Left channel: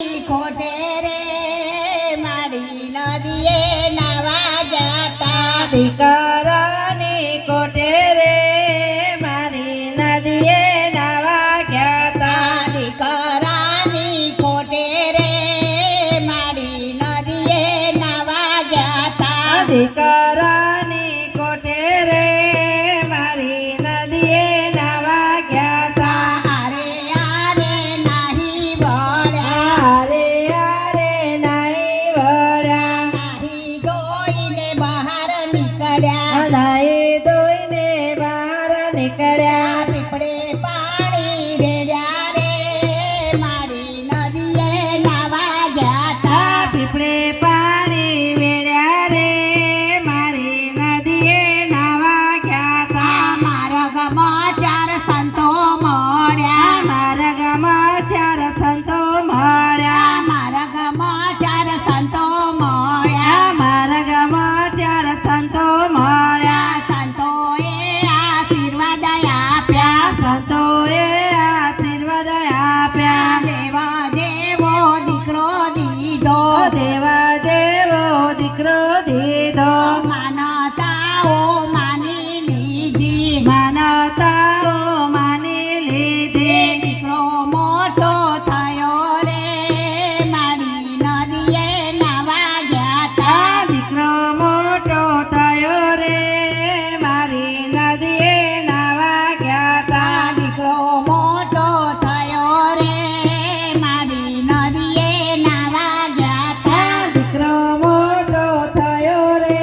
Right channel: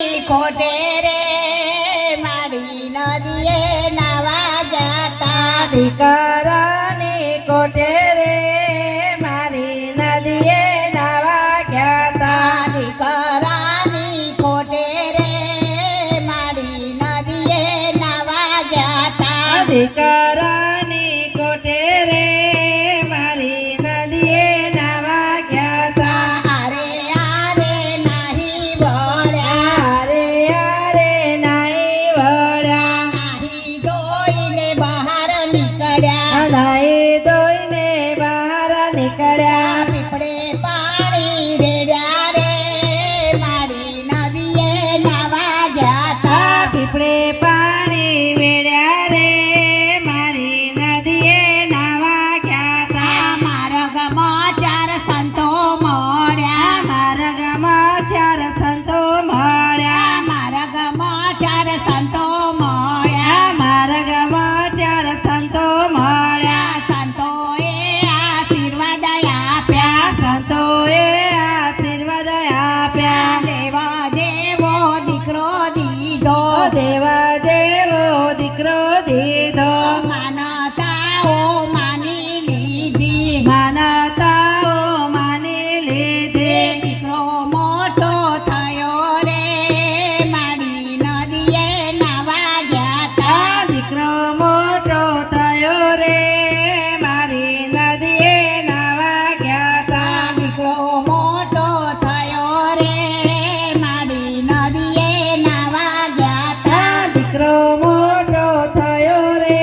ખોટે રે મારી નદીએ નાવા જાતા દીકરાની કોઠે રે મારી નદીએ નાવા ગયા તા દીકરાની ખોટે રે મારી નદીએ નાવા જાતા દીકરાની કોઠે રે મારી નદીએ નાવા ગયા તા આરે આરે નાહી વળ્યા આરે આરે નાઈ વળ્યા નાહી ધોઈને બહાર નીકળ્યા નાઈ ધોઈને બહાર નીકળ્યા પીપળે પાણી રેડ્યા રે મારી નદીએ નાવા જાતા પીપળે પાણી વેળ્યા રે મારી નદીએ નાવા ગયા તા માર્ગમાં ચાર સંતો મળ્યા માર્ગમાં ચાર સંતો મળ્યા માર્ગમાં ચાર સંતો મળ્યા માર્ગમાં ચાર સંતો મળ્યા સંતોએ આશીર્વાદ આપ્યા સંતોએ આશીર્વાદ આપ્યા દેવા દેવો દીકરો દીધો દેવા જેવો દીકરો દીધો માનતાઓ માની લીધી માનતાઓ માની લીધી દીકરો મોટો થયો રે મારી નદીએ નાવા ગયા દીકરો મોટો થયો રે મારી નદીએ નાવા ગયા તા દીકરો મોટો થયો રે મારી નદીએ નાવા ગયા દીકરો મોટો થયો રે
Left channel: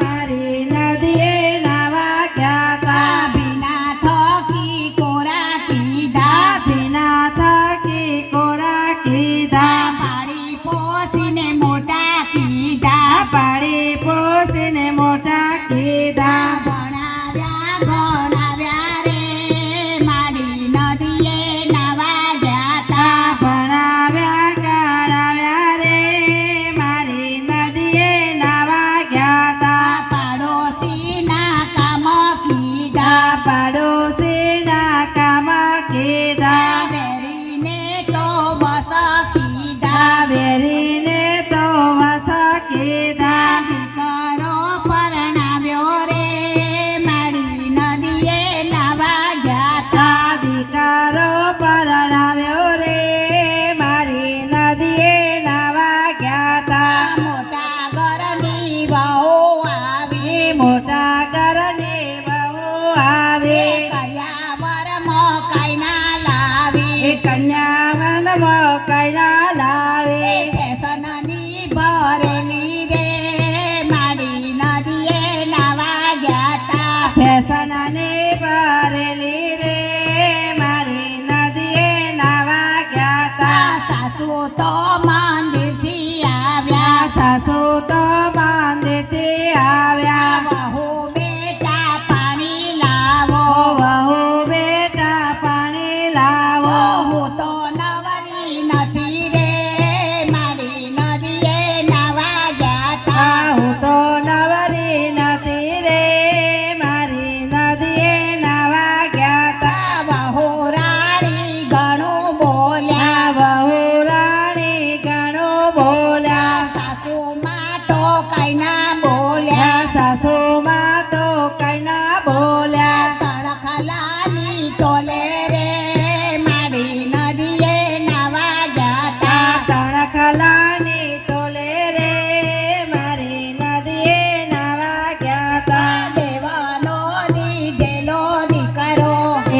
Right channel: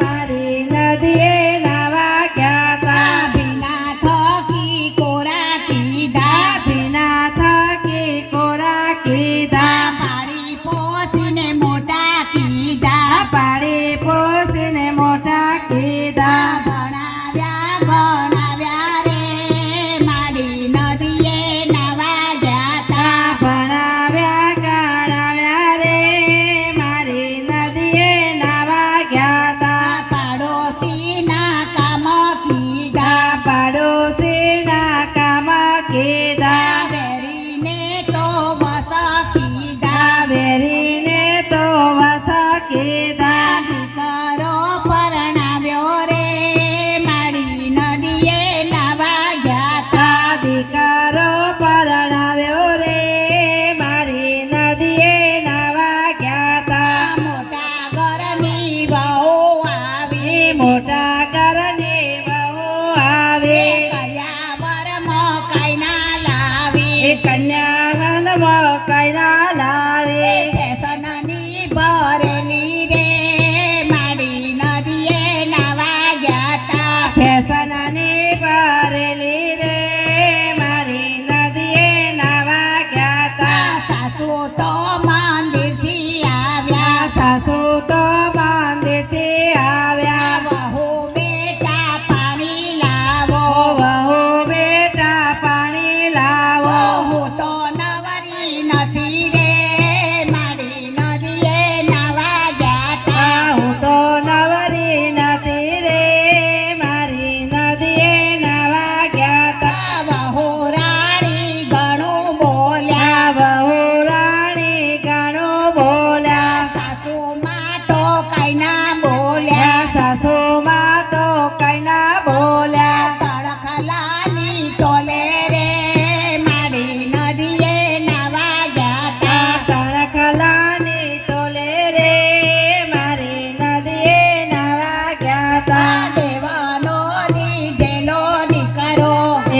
મારી નદીએ નાવા ગયા તા ભીના થકી કોરા કીધા ભીના થકી કોરા કીધા પાડી પોસીને મોટા કીધા પાડી પોસીને મોટા કીધા ભણાવ્યા રે મારી નદીએ નાવા ગયા ભણાવ્યા ગણાવ્યા રે મારી નદીએ નાવા ગયા તા પાડોશીના કામ કીધા પાડોશીના કામ કીધા વેરીને તો બસ કીધા વેરીને તો વસ કીધા દીકરો પરણાવ્યો રે મારી નદીએ નાવા ગયા દીકરો પરણાવ્યો રે મારી નદીએ નાવા ગયા તા મોટા ઘરની વહુ આવી મોટા ઘરની વહુ આવી કર્યા બર મકાઈના લાવી કન્યાવન મકાઈના લાવી ફેશનની ભરેલી રે મારી નદીએ નાવા ગયા ફેશનની ભરેલી રે મારી નદીએ નાવા ગયા તા સાસુ તો મંદિરથી આવ્યા સાસુ તો મંદિરથી આવ્યા વહુ બેટા પાણી લાવો વહુ બેટા પાણી લાવો હું તો નવરી નથી રે મારી નદીએ નાવા ગયા હું તો નવરી નથી રે મારી નદીએ નાવા ગયા તા વહુ રાણી ઘણું બોલ્યા વહુ રાણી ઘણું બોલ્યા સાસુમાં તો કઈ ના બોલ્યા સાસુમાં તો કઈ ના બોલ્યા તડખલાની તોલે રે મારી નદીએ નાવા ગયા તણખલાની તોલે રે મારી નદીએ નાવા ગયા તા દેવાનો દીધેલો દીકરો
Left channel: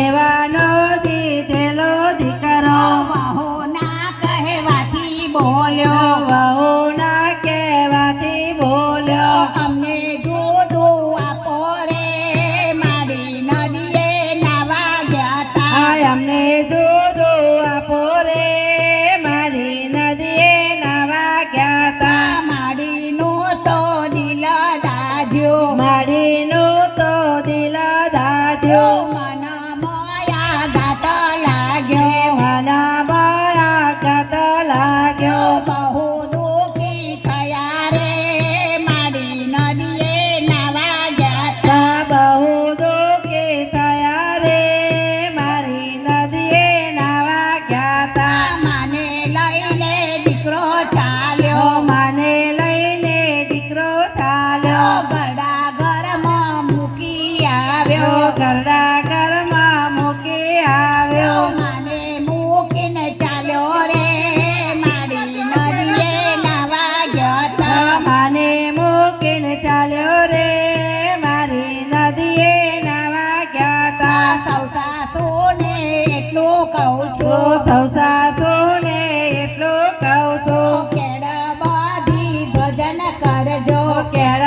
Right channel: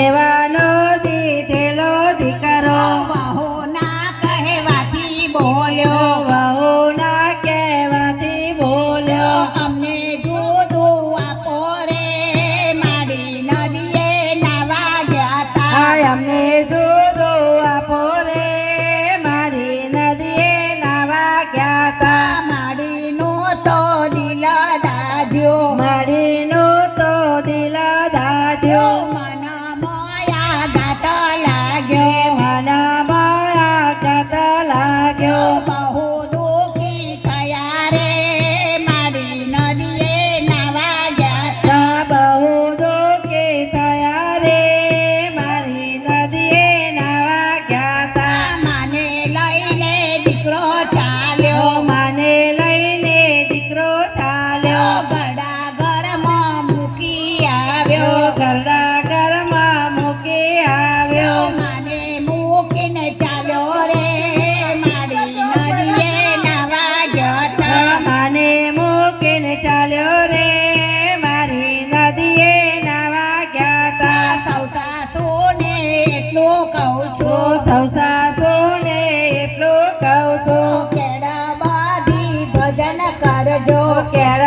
એવાનો દીધેલો દીકરો વહુ ના કહેવાથી બોલ્યો વહુના કહેવાથી બોલ્યો અમને જુદું આપો રે મારી નદીએ નાવા ગયા અમને જુદું આપો રે મારી નદીએ નાવા ગયા તા મારીનું તો દિલ દાજ્યો મારીનું તો દિલ દાજ્યો મન મોયા ગાત લાગ્યો મન માયા ગાત લાગ્યો બહુ દુઃખી થયા રે મારી નદીએ નાવા ગયા બહુ દુઃખી થયા રે મારી નદીએ નાવા ગયા તા મને લઈને કેળ